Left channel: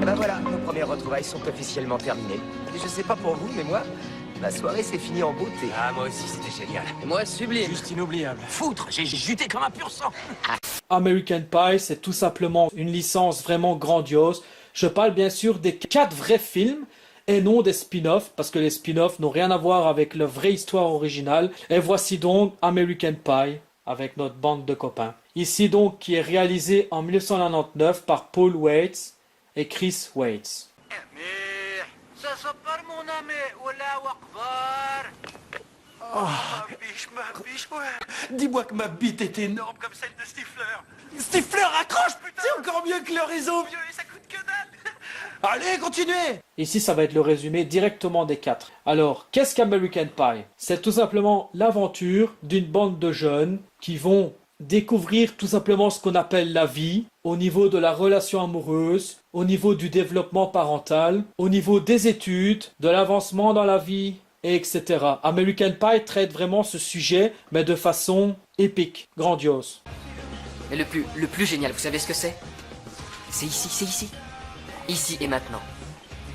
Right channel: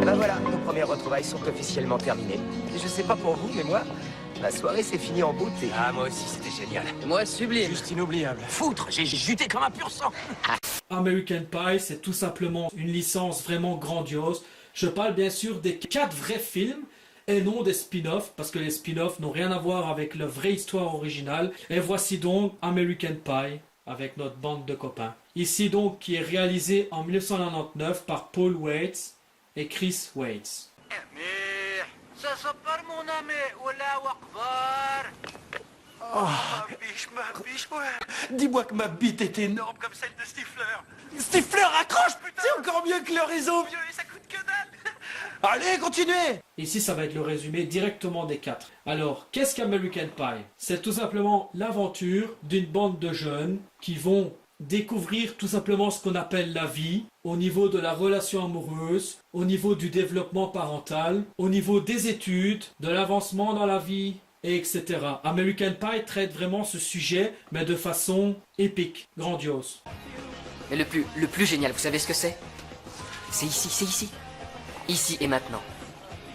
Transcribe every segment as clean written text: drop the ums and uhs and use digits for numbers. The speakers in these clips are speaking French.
Et ben voilà, nos premières retrouvailles sont officiellement terminées. Et je sais pas pour vous, mais moi, la soirée s'est finie en beauté. Ah, moi aussi, c'était génial. Et moi, sublime. Juste inoubliable. Foutre, j'ai juté comme un pur sang. American Pie, c'est tout simplement une licence vraiment grandiose. Je parle bien sûr des 4 vrais films et non des spin-offs, parce que les spin-offs n'ont rien à voir avec la vraie histoire originale. Et voici donc American Pie, avec notre bande de copains. Ici donc, qui est réalisé en 1999 par Paul Weitz et Chris Weitz. Dis-moi que ma bite est énorme comme celle de Stifler. Stifler, accroche, putain! C'est encore mieux que l'horizon, vieux, et ça coûte que dalle! Allez, continuez! Ici, ça va être le résumé directement des 4. Alors, qu'est-ce qu'American Pie? C'est tout simplement l'aventure d'une bande de jeunes qui vont découvrir tout simplement ce qu'on appelle la vie, au niveau de la relation amoureuse, au niveau du développement parental, au niveau des études, de l'avancement dans la vie, et etc. American Pie traite vraiment ce sujet, mais de façon épique, grandiose. Mais le plus génial, vous savez ce que c'est? C'est ici, c'est ici. Ici et maintenant.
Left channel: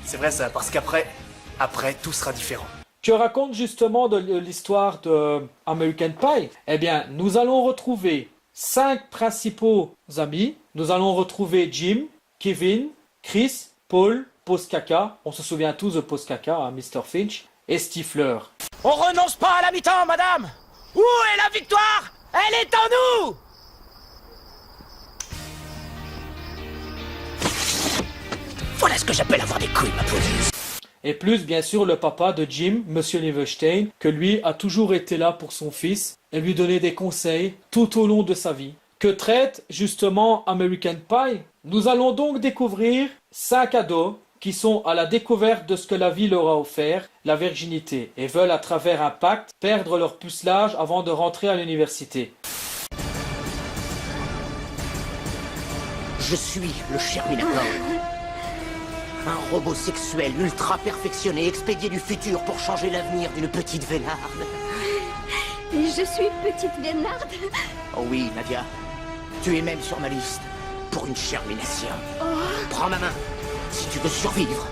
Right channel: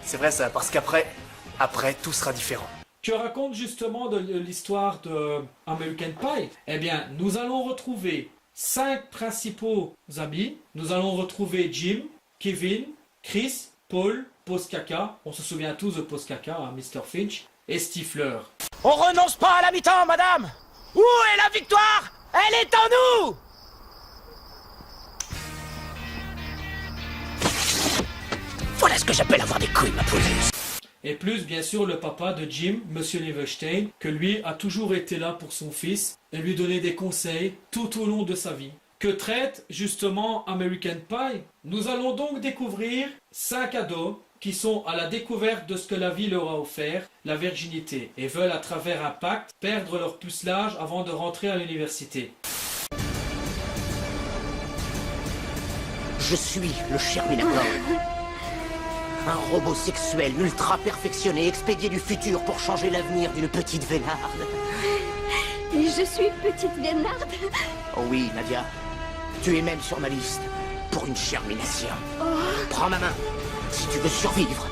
C'est vrai ça, parce qu'après, tout sera différent. Que raconte justement de l'histoire de American Pie? Eh bien, nous allons retrouver 5 principaux amis. Nous allons retrouver Jim, Kevin, Chris, Paul, Postkaka. On se souvient tous de Postkaka, hein, Mr. Finch. Et Stifler. On renonce pas à la mi-temps, madame. Où est la victoire? Elle est en nous. Voilà ce que j'appelle avoir des couilles, ma poule. Et plus, bien sûr, le papa de Jim, Monsieur Leverstein, que lui a toujours été là pour son fils et lui donner des conseils tout au long de sa vie. Que traite justement American Pie? Nous allons donc découvrir 5 ados qui sont à la découverte de ce que la vie leur a offert, la virginité, et veulent à travers un pacte perdre leur pucelage avant de rentrer à l'université. Je suis le Sherminator. Un robot sexuel ultra perfectionné, expédié du futur pour changer l'avenir d'une petite Vénarde. Et je suis petite Vénarde. Oh oui, Nadia. Tu es même sur ma liste pour une Shermination. Prends ma main si tu veux survivre.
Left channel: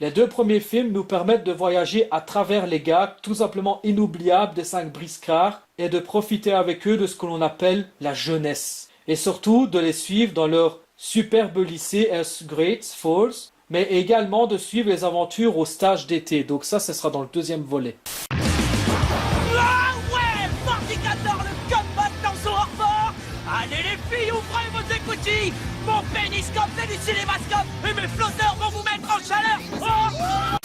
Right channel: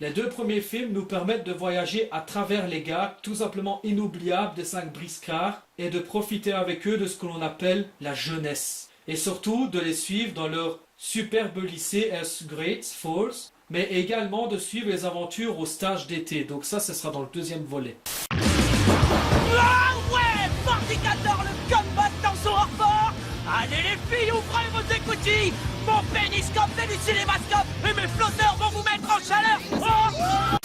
Les 2 premiers films nous permettent de voyager à travers les gags tout simplement inoubliables des 5 briscards et de profiter avec eux de ce que l'on appelle la jeunesse. Et surtout de les suivre dans leur superbe lycée as Great Falls, mais également de suivre les aventures au stage d'été. Donc ça, ce sera dans le 2e volet. Ah ouais, Fornicator, le combat dans son hors-fort. Allez les filles, ouvrez vos écoutilles. Mon péniscope, c'est du cinémascope. Et mes flotteurs vont vous mettre en chaleur. Oh.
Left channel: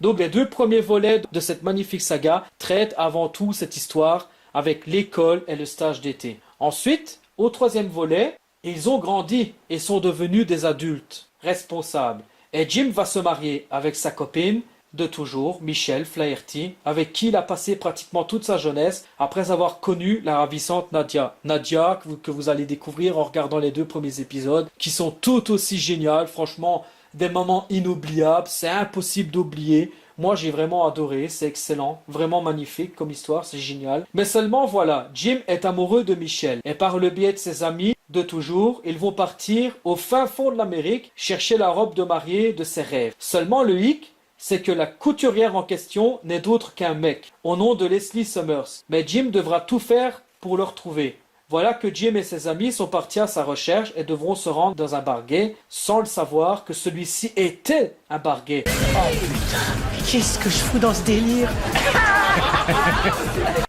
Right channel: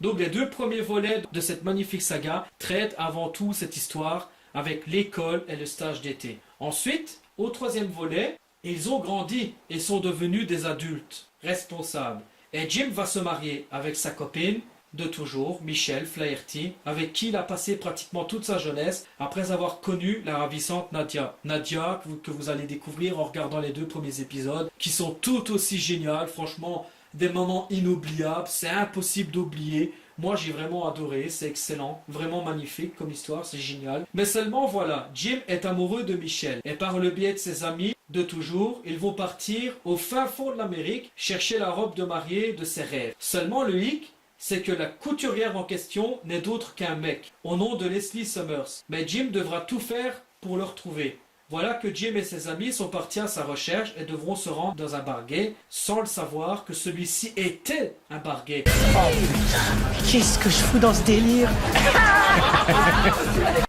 Donc les 2 premiers volets de cette magnifique saga traitent avant tout cette histoire avec l'école et le stage d'été. Ensuite, au 3e volet, ils ont grandi et sont devenus des adultes responsables. Et Jim va se marier avec sa copine de toujours, Michelle Flaherty, avec qui il a passé pratiquement toute sa jeunesse après avoir connu la ravissante Nadia. Nadia, que vous allez découvrir en regardant les 2 premiers épisodes, qui sont tout aussi géniales, franchement, des moments inoubliables, c'est impossible d'oublier. Moi, j'ai vraiment adoré, c'est excellent, vraiment magnifique comme histoire, c'est génial. Mais seulement, voilà, Jim est amoureux de Michelle, et par le biais de ses amis de toujours, ils vont partir au fin fond de l'Amérique chercher la robe de mariée de ses rêves. Seulement, le hic, c'est que la couturière en question n'est d'autre qu'un mec, au nom de Leslie Summers. Mais Jim devra tout faire pour le retrouver. Voilà que Jim et ses amis sont partis à sa recherche et devront se rendre dans un bar gay sans le savoir que celui-ci était un bar gay. Oh putain, qu'est-ce que je fous dans ce délire?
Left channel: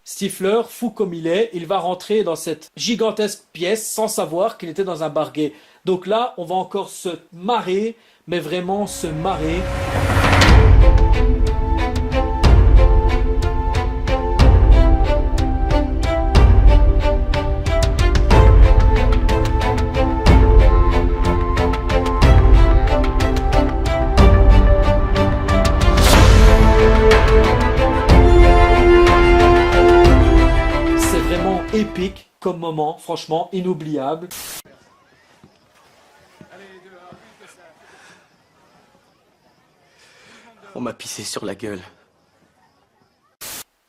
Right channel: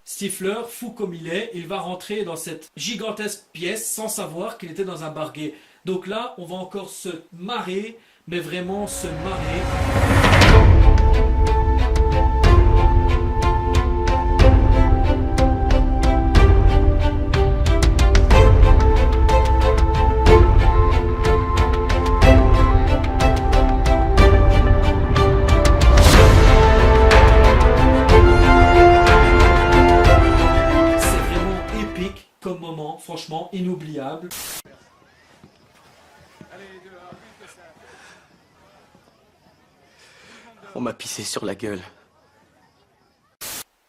Stifler, fou comme il va rentrer dans cette gigantesque pièce sans savoir qu'il était dans un bar gay. Donc là, on va encore se marrer, mais vraiment se marrer. Épique comme moment, franchement inoubliable. On m'a pissé sur la gueule.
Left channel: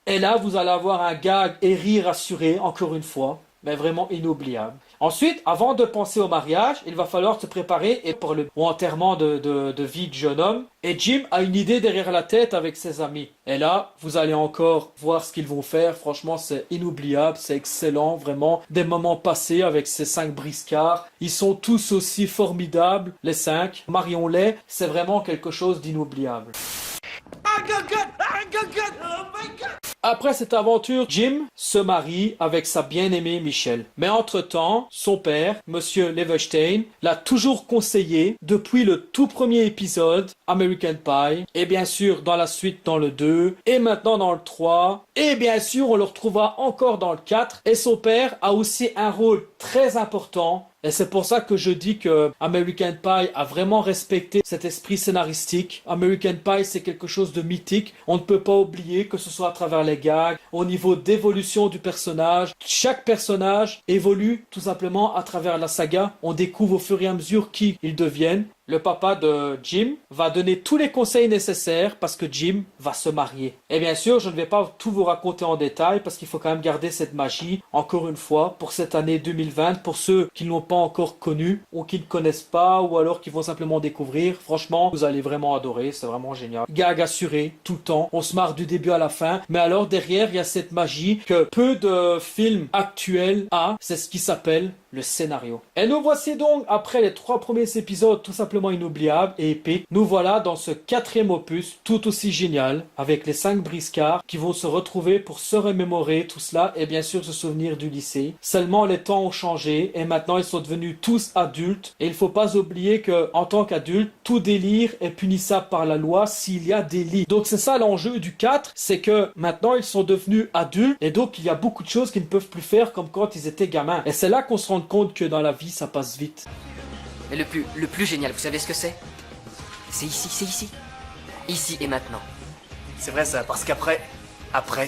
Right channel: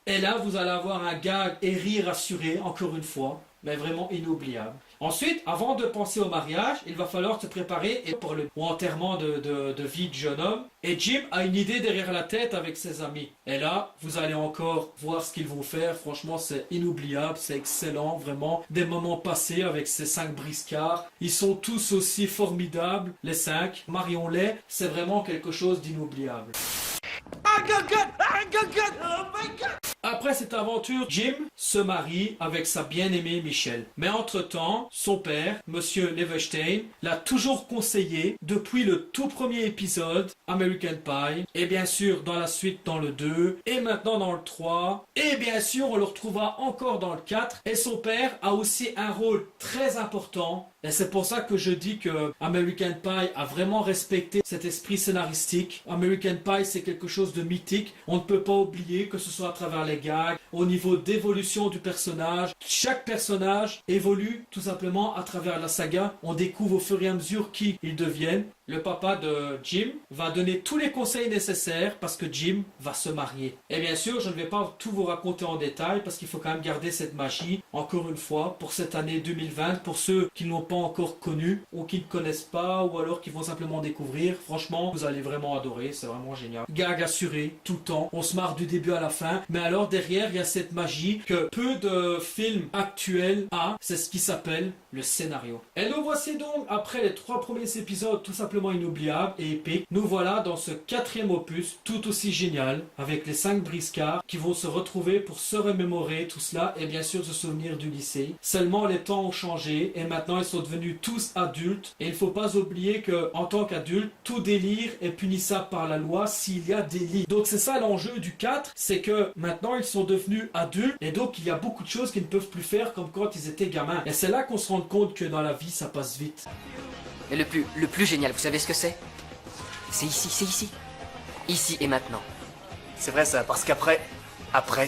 Et là, vous allez avoir un gag et rire assuré, encore une fois. mais vraiment inoubliable. Ensuite, avant de penser au mariage, il va falloir se préparer pour le enterrement de vie de jeune homme. Et Jim a une idée derrière la tête avec ses amis. Et là, vous allez encore voir ce qu'ils vont faire. Franchement, c'est inoubliable, c'est excellent, vraiment. Des moments passés avec ces 5 briscards. Ils sont tous aussi formidables, les 5. Marions-les, c'est vraiment quelque chose d'inoubliable. Après cette aventure, Jim se marie avec sa bien-aimée Michelle. Mais entre-temps, son père, Monsieur Leverstein, l'a toujours conseillé depuis le tout premier épisode, American Pie, et bien sûr dans la suite dans le 2, et maintenant dans le 3, et bien sûr on le retrouvera encore dans le 4, et son père a aussi un rôle très important. Et c'est pour ça que je dis que American Pie a vraiment respecté cet esprit scénaristique. American Pie, c'est quelque chose de mythique. On ne peut pas oublier que ce soit à travers les gags, au niveau d'évolution du personnage. Chaque personnage évolue tout simplement à travers la saga. On découvre au fur et à mesure qui ils deviennent. Le papa de Jim va donner tous les conseils nécessaires parce que Jim va se marier. Et bien sûr, je ne vais pas tout vous raconter en détail parce qu'il faut quand même garder cette magie, encore une fois, pour cette année 2020, pour ceux qui ne l'ont pas encore connu ou qui ne connaissent pas ou alors qui vont simplement découvrir. Franchement, vous allez vraiment adorer, c'est vraiment génial. Gag assuré, tout le temps, on se marre du début à la fin, mais alors derrière, il y a cette magie que peu de films actuels a, c'est ce qui s'appelle le scénario. Et nous voici donc, après les 3 premiers épisodes tout simplement inoubliables et épiques, nous voilà dans ce 4e opus tout aussi génial, avec les 5 briscards qui vont se retrouver pour se remémorer tout cela et bien sûr se souvenir du lycée. Seulement les temps ont changé et maintenant ils sont devenus tous adultes et il ne faut pas oublier que en tant qu'adulte, tout délire est punissable par la loi s'il y a délit. Donc c'est ça l'enjeu du 4, c'est que maintenant ils sont devenus adultes et donc il y a beaucoup de choses qu'ils ne peuvent plus faire comme quand ils étaient gamins. Et c'est là qu'on se rend compte que dans la vie ça passe vite. Mais le plus génial, vous savez ce que c'est? C'est ici, c'est ici. Ici et maintenant. C'est vrai ça, parce qu'après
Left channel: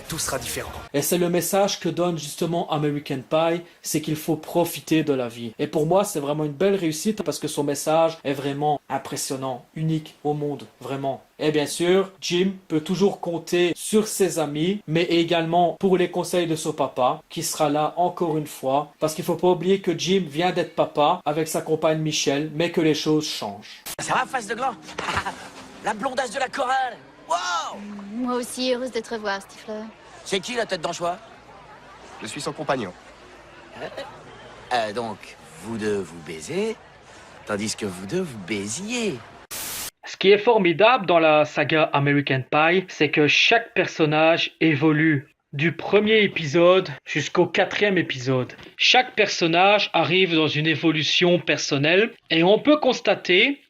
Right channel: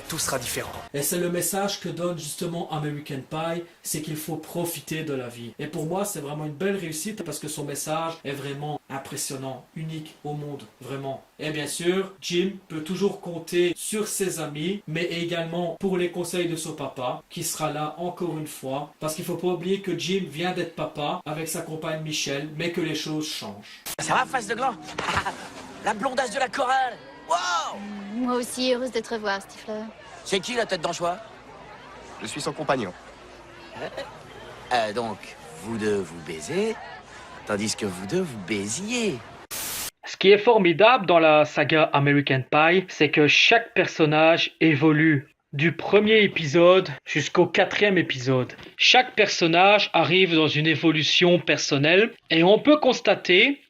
tout sera différent. Et c'est le message que donne justement American Pie, c'est qu'il faut profiter de la vie. Et pour moi, c'est vraiment une belle réussite parce que son message est vraiment impressionnant, unique au monde, vraiment. Et bien sûr, Jim peut toujours compter sur ses amis, mais également pour les conseils de son papa, qui sera là encore une fois, parce qu'il ne faut pas oublier que Jim vient d'être papa avec sa compagne Michelle, mais que les choses changent. Ça va, face de gland? La blondasse de la chorale. Wow! Moi aussi, heureuse de te revoir, Stifler. C'est qui la tête d'anchois? Je suis son compagnon. Donc, vous deux vous baisez, tandis que vous deux vous baisiez. Ce qui est formidable dans la saga American Pie, c'est que chaque personnage évolue du premier épisode jusqu'au 4e épisode. Chaque personnage arrive dans une évolution personnelle et on peut constater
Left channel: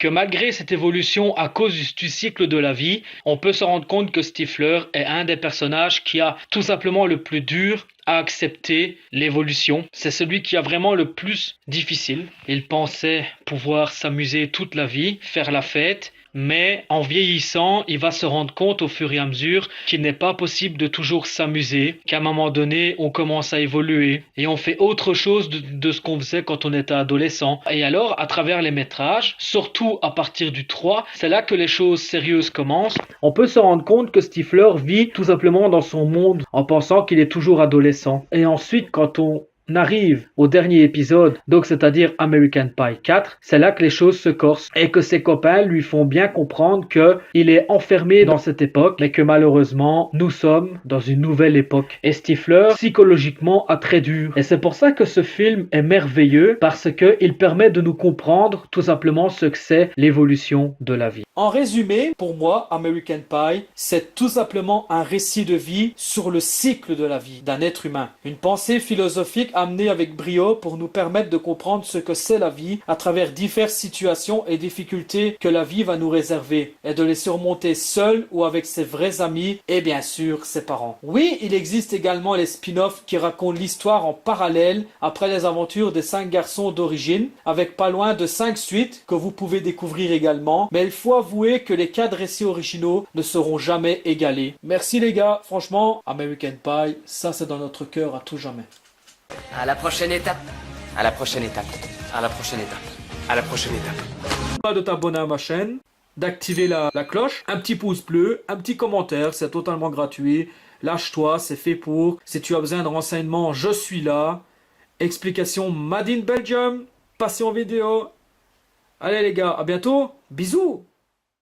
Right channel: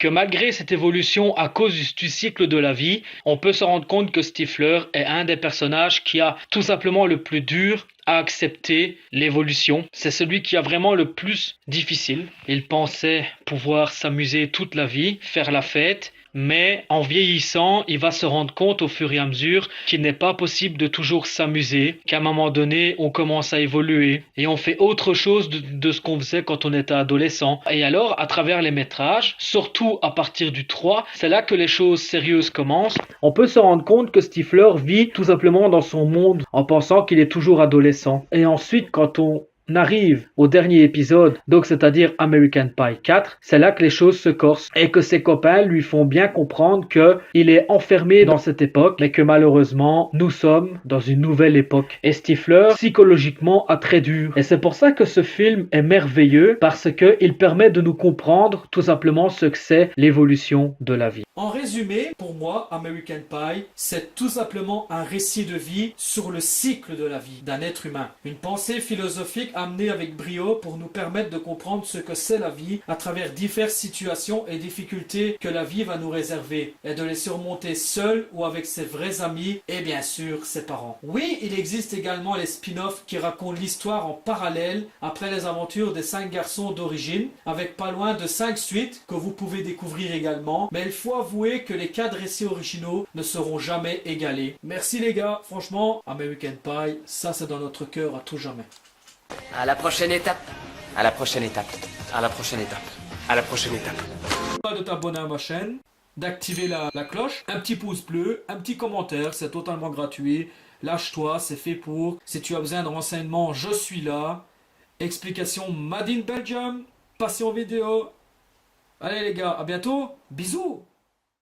que malgré cette évolution à cause du cycle de la vie, on peut se rendre compte que Stifler est un des personnages qui a tout simplement le plus dur à accepter l'évolution. C'est celui qui a vraiment le plus difficile. Il pensait pouvoir s'amuser toute la vie, faire la fête, mais en vieillissant, il va se rendre compte au fur et à mesure qu'il n'est pas possible de toujours s'amuser, qu'à un moment donné, on commence à évoluer et on fait autre chose de ce qu'on faisait quand on était adolescent. Et alors, à travers les métrages, surtout à partir du 3, c'est là que les choses sérieuses commencent. On peut se rendre compte que Stifler vit tout simplement dans son monde en pensant qu'il est toujours adolescent. Et ensuite, quand on arrive au dernier épisode, donc c'est-à-dire American Pie 4, c'est là que les choses se corsent et que ses copains lui font bien comprendre qu'il est enfermé dans cette époque, mais que malheureusement, nous sommes dans une nouvelle époque. Et Stifler, psychologiquement, a très dur. Et c'est pour ça que ce film est merveilleux, parce qu'il permet de nous comprendre tout simplement ce que c'est l'évolution de la vie. En résumé, pour moi, American Pie, c'est tout simplement un récit de vie sur le cycle de la vie d'un être humain. Une pensée philosophique amenée avec brio pour nous permettre de comprendre ce que c'est la vie à travers diverses situations et difficultés que la vie va nous réserver et de les surmonter seul ou avec ses vrais amis et bien sûr ses parents. Oui, il existe également les spin-offs qui racontent l'histoire en parallèle après les aventures des 5 garçons d'origine avec pas loin de 5 suites que vous pouvez découvrir également, mais il faut avouer que les 4 récits originaux ne seront jamais égalés. Merci les gars, franchement, American Pie, ça c'est dans notre cœur à tout jamais. À la prochaine étape. À la prochaine étape. À la prochaine étape. À la prochaine étape. Pas de t'abonner à ma chaîne, d'activer la cloche, un petit pouce bleu, un petit commentaire, c'est totalement gratuit. lâche-toi, c'est fait pour. Si tu as besoin de renseignements, je suis là. Explication Made in Belgium, passion vidéo. Allez les gars, à bientôt, bisous.